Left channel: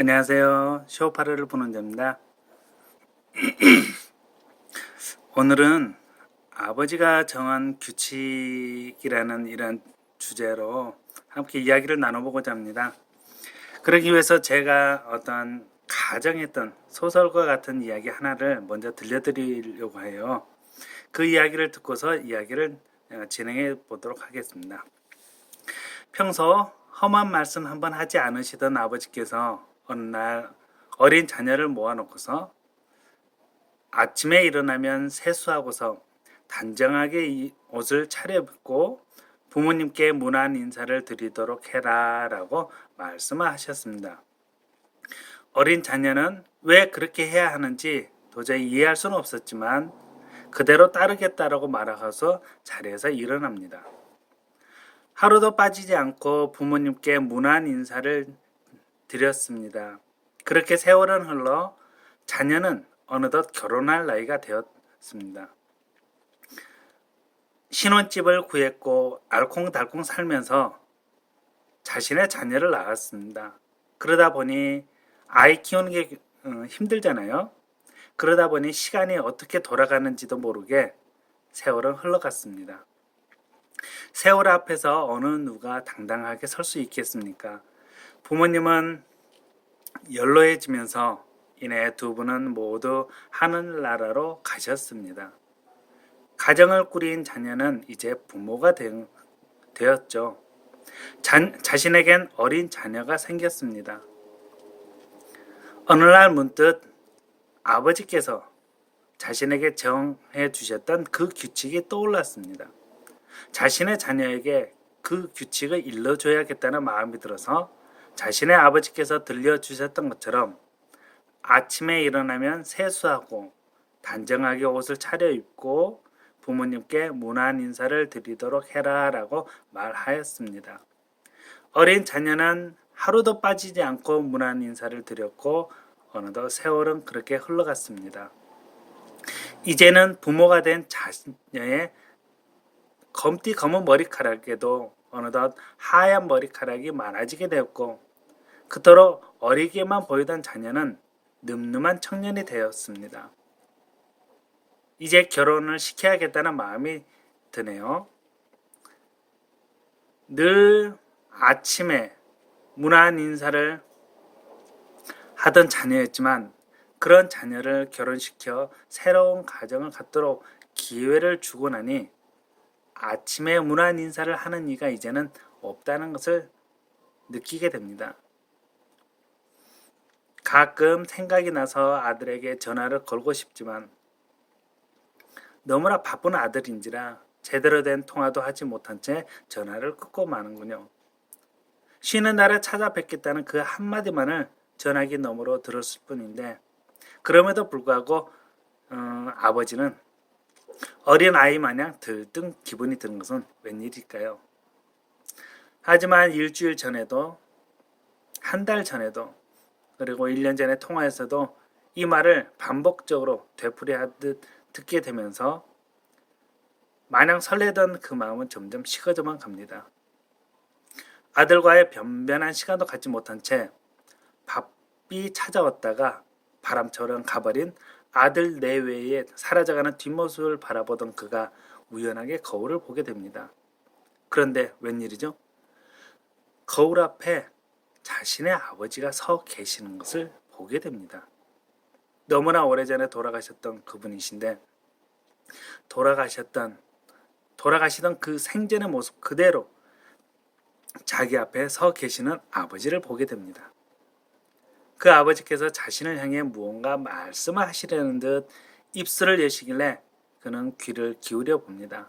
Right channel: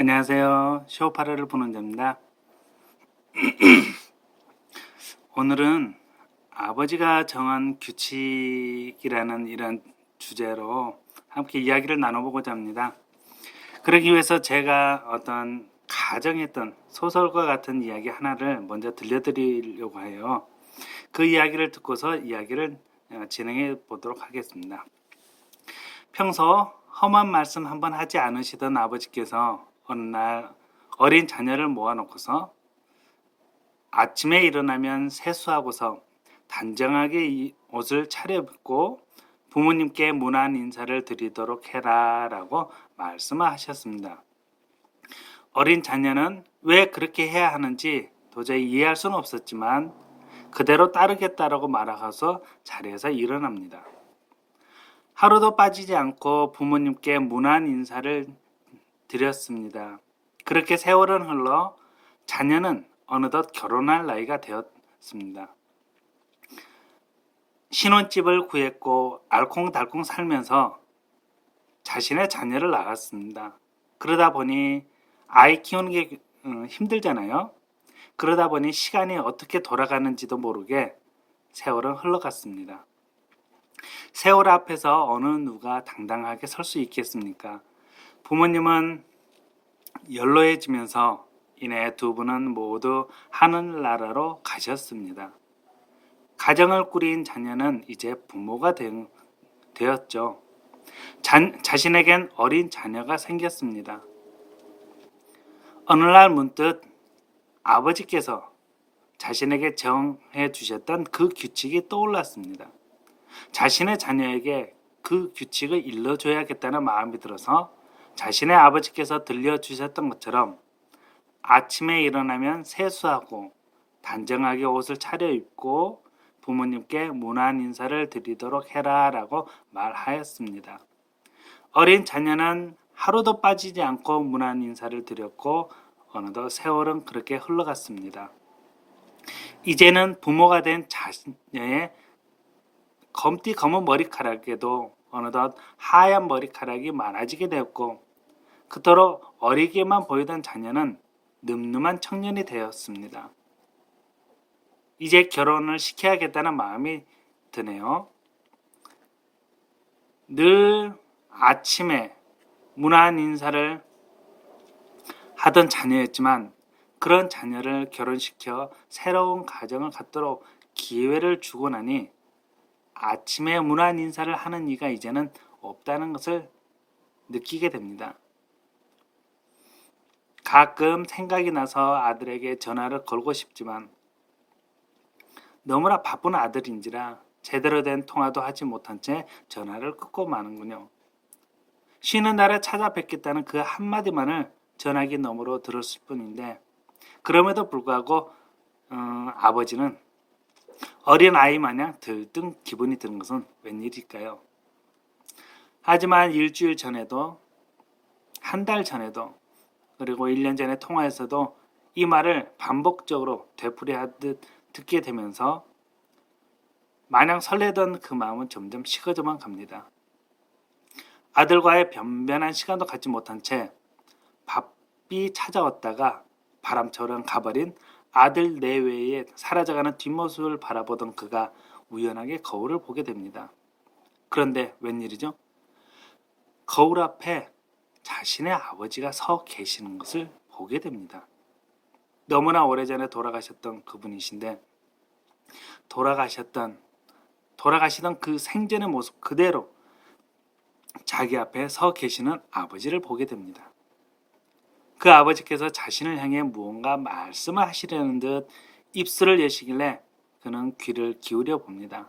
안녕하세요. 쇼파르를 보는 자입니다. 오늘은 아버지가 정한 규칙이라는 이런 주제로 함께 이야기를 나눠보고자 합니다. 그러기 위해서 제가 어떤 가정했던 소설과 같은 이야기 하나를 먼저 들려드리려고 해요. 그 이야기를 듣고서 이야기를 진행해 보도록 하겠습니다. 평소 험한 말씀 한번 하지 않으시던 아버지께서 어느 날 어린 자녀를 모아놓고서 아침에 일어나면 세수하고서 단정하게 옷을 차려입고 부모님께 문안 인사를 드리도록 해라 라고 말씀하셨습니다. 어린 자녀는 왜 그렇게 해야 하는지 도저히 이해할 수는 없었지만 그대로 따르겠다라고 말하고서 자리에서 일어납니다. 하루도 빠지지 않고 부모님께 문안 인사를 드렸습니다. 그렇게 세월은 흘러 자녀는 어느덧 결혼할 나이가 되었습니다. 신혼집을 구했고 알콩달콩 살면서 자신의 자녀를 낳았습니다. 그러다 보니 아이 키우는 게 힘들잖아요. 그러다 보니 시간이 어떻게 돌아가는지도 모르게 세월은 흘러갔습니다. 세월 앞에서 어느 누가 당당하게 설 수 있겠습니까? 부모님은 연로해지면서 이내 두 분은 모두 하늘나라로 가셨습니다. 가정을 꾸린 자녀는 이제 부모가 되었죠. 자신에겐 어린 자녀가 생겼습니다. 어느 날 문득 아버지께서 자신에게 정해 주셨던 그 규칙이 떠올랐습니다. 자신의 자녀에게 그 규칙을 일러줘야겠다는 마음이 들어서 자신의 아버지께서 들려주셨던 것처럼 아침에 일어나면 세수하고 단정하게 옷을 차려입고 부모님께 문안 인사를 드리도록 해라 라고 말하였습니다. 어린 자녀는 하루도 빠지지 않고 문안 인사를 드렸고 어느덧 세월은 그렇게 흘러갔습니다. 이제는 부모가 된 자녀의 검디 검은 머리카락에도 어느덧 하얀 머리카락이 많아지게 되었고 그토록 어리게만 보이던 자녀는 늠름한 청년이 되었습니다. 이제 결혼을 시켜야겠다는 마음이 드네요. 늘 아침에 문안 인사를 하던 자녀였지만 그런 자녀를 결혼시켜 새로운 가정을 갖도록 기회를 주고 나니 아침에 문안 인사를 하는 이가 이제는 없다는 것을 느끼게 됩니다. 가끔 생각이 나서 아들에게 전화를 걸고 싶지만 너무나 바쁜 아들인지라 제대로 된 통화도 하지 못한 채 전화를 끊고 마는군요. 쉬는 날에 찾아뵙겠다는 그 한마디만을 전화기 너머로 들었을 뿐인데 그럼에도 불구하고 아버지는 어린 아이 마냥 들뜬 기분이 드는 것은 웬일일까요? 하지만 일주일 전에도 한 달 전에도 그리고 1년 전에 통화에서도 이 말을 반복적으로 되풀이하듯 듣게 되면서 마냥 설레던 그 마음은 점점 식어져만 갑니다. 아들과의 변변한 시간도 갖지 못한 채 바삐 찾아왔다가 바람처럼 가버린 아들 내외에 사라져가는 뒷모습을 바라보던 그가 우연하게 거울을 보게 됩니다. 그런데 웬일이죠? 거울 앞에 자신의 아버지가 서 계시는 것을 보게 됩니다. 너무나 오래전에 돌아가셨던 그분이신데 돌아가시던 그 생전의 모습 그대로 자기 앞에 서 계시는 아버지를 보게 됩니다. 그 아버지께서 자신을 향해 무언가 말씀을 하시려는 듯 입술을 여시길래 그는 귀를 기울여 봅니다.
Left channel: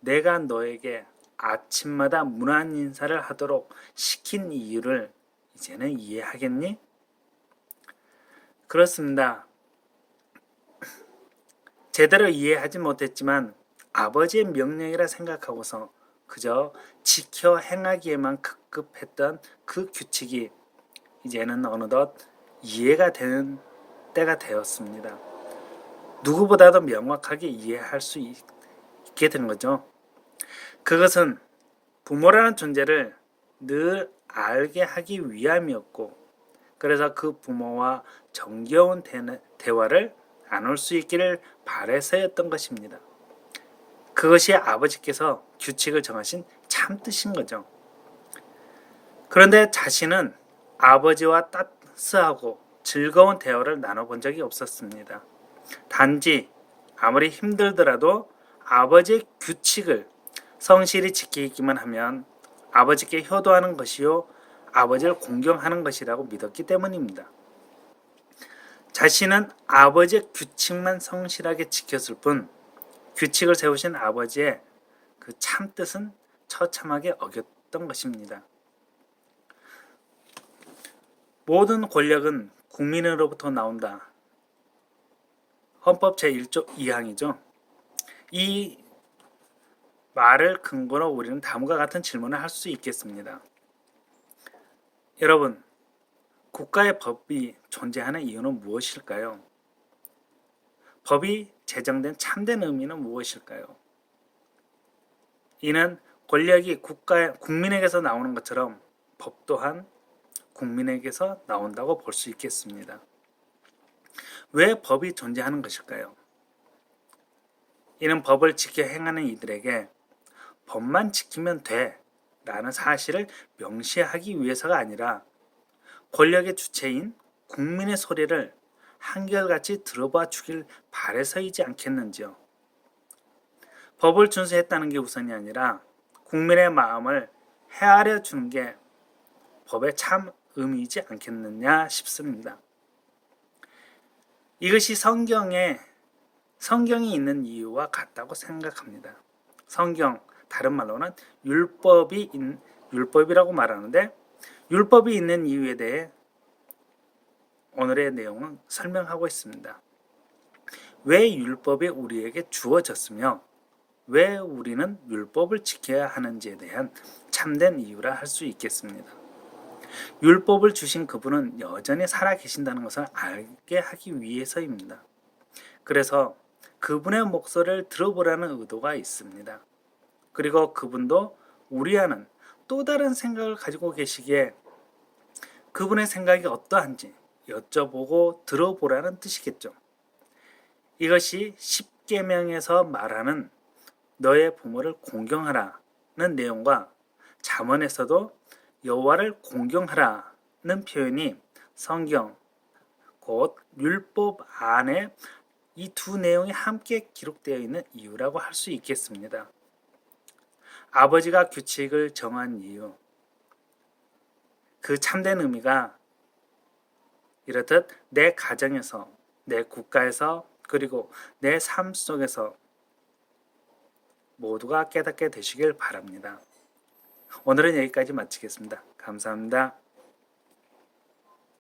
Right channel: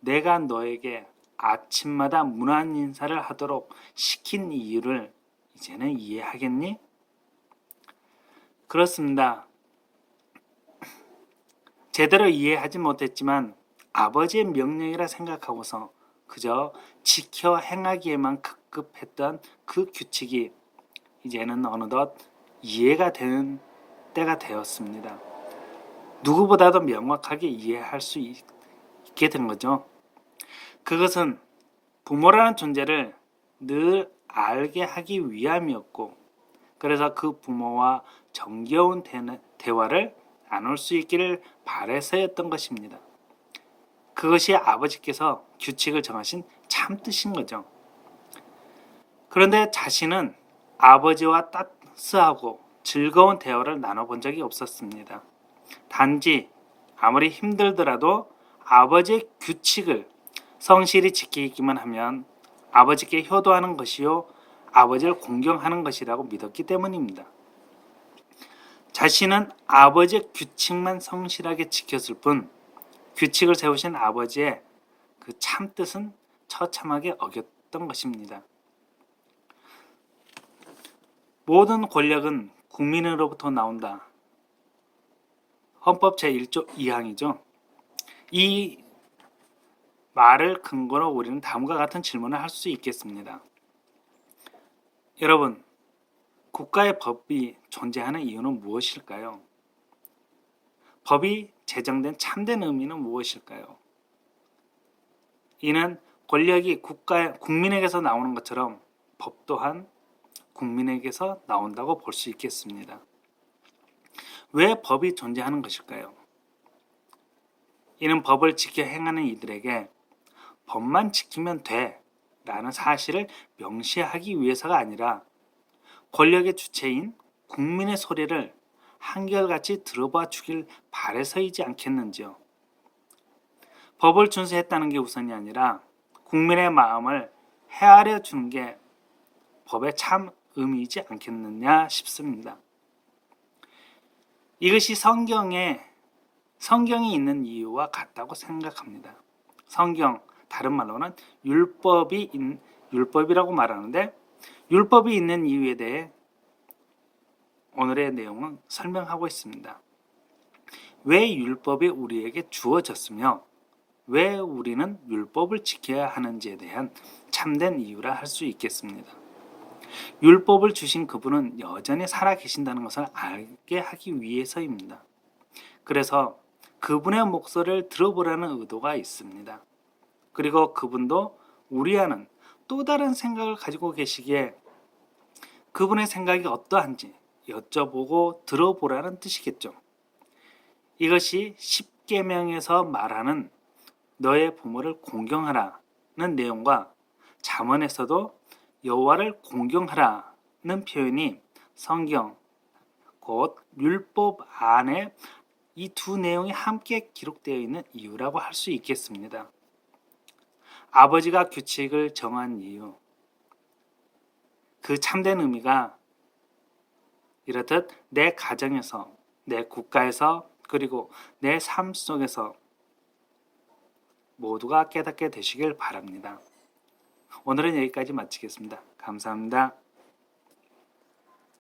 내가 너에게 아침마다 문안 인사를 하도록 시킨 이유를 이제는 이해하겠니? 그렇습니다. 제대로 이해하지 못했지만 아버지의 명령이라 생각하고서 그저 지켜 행하기에만 급급했던 그 규칙이 이제는 어느덧 이해가 되는 때가 되었습니다. 누구보다도 명확하게 이해할 수 있게 된 거죠. 그것은 부모라는 존재를 늘 알게 하기 위함이었고, 그래서 그 부모와 정겨운 대화를 나눌 수 있기를 바래서였던 것입니다. 그것이 아버지께서 규칙을 정하신 참 뜻인 거죠. 그런데 자신은 아버지와 따스하고 즐거운 대화를 나눠본 적이 없었습니다. 단지 아무리 힘들더라도 아버지의 규칙을 성실히 지키기만 하면 아버지께 효도하는 것이요 아버지를 공경하는 것이라고 믿었기 때문입니다. 자신은 아버지의 규칙만 성실하게 지켰을 뿐 규칙을 세우신 아버지의 그 참뜻은 처참하게 어겼던 것입니다. 모든 권력은 국민으로부터 나온다. 헌법 제1조 2항이죠. 이 말을 근거로 우리는 다음과 같은 질문을 할 수 있겠습니다. 여러분, 국가의 법이 존재하는 이유는 무엇일까요? 법이 제정된 참된 의미는 무엇일까요? 이는 권력이 국민에게서 나오는 것처럼 법 또한 국민에게서 나온다고 볼 수 있겠습니다. 왜 법이 존재하는 것일까요? 이는 법을 지켜 행하는 이들에게 법만 지키면 돼 라는 사실을 명시하기 위해서가 아니라 권력의 주체인 국민의 소리를 한결같이 들어봐 주길 바래서이지 않겠는지요. 법을 준수했다는 게 우선이 아니라 국민의 마음을 헤아려 주는 게 법의 참 의미이지 않겠느냐 싶습니다. 이것이 성경이 있는 이유와 같다고 생각합니다. 성경, 다른 말로는 율법이라고 말하는데 율법이 있는 이유에 대해 오늘의 내용은 설명하고 있습니다. 왜 율법이 우리에게 주어졌으며 왜 우리는 율법을 지켜야 하는지에 대한 참된 이유라 할 수 있겠습니다. 율법을 주신 그분은 여전히 살아계신다는 것을 알게 하기 위해서입니다. 그래서 그분의 목소리를 들어보라는 의도가 있습니다. 그리고 그분도 우리와는 또 다른 생각을 가지고 계시기에 그분의 생각이 어떠한지 여쭤보고 들어보라는 뜻이겠죠. 이것이 십계명에서 말하는 너의 부모를 공경하라는 내용과 잠언에서도 여호와를 공경하라는 표현이 성경 곧 율법 안에 이 두 내용이 함께 기록되어 있는 이유라고 할 수 있겠습니다. 아버지가 규칙을 정한 이유, 그 참된 의미가 이렇듯 내 가정에서, 내 국가에서, 그리고 내 삶 속에서 모두가 깨닫게 되시길 바랍니다. 오늘은 여기까지 마치겠습니다. 감사합니다.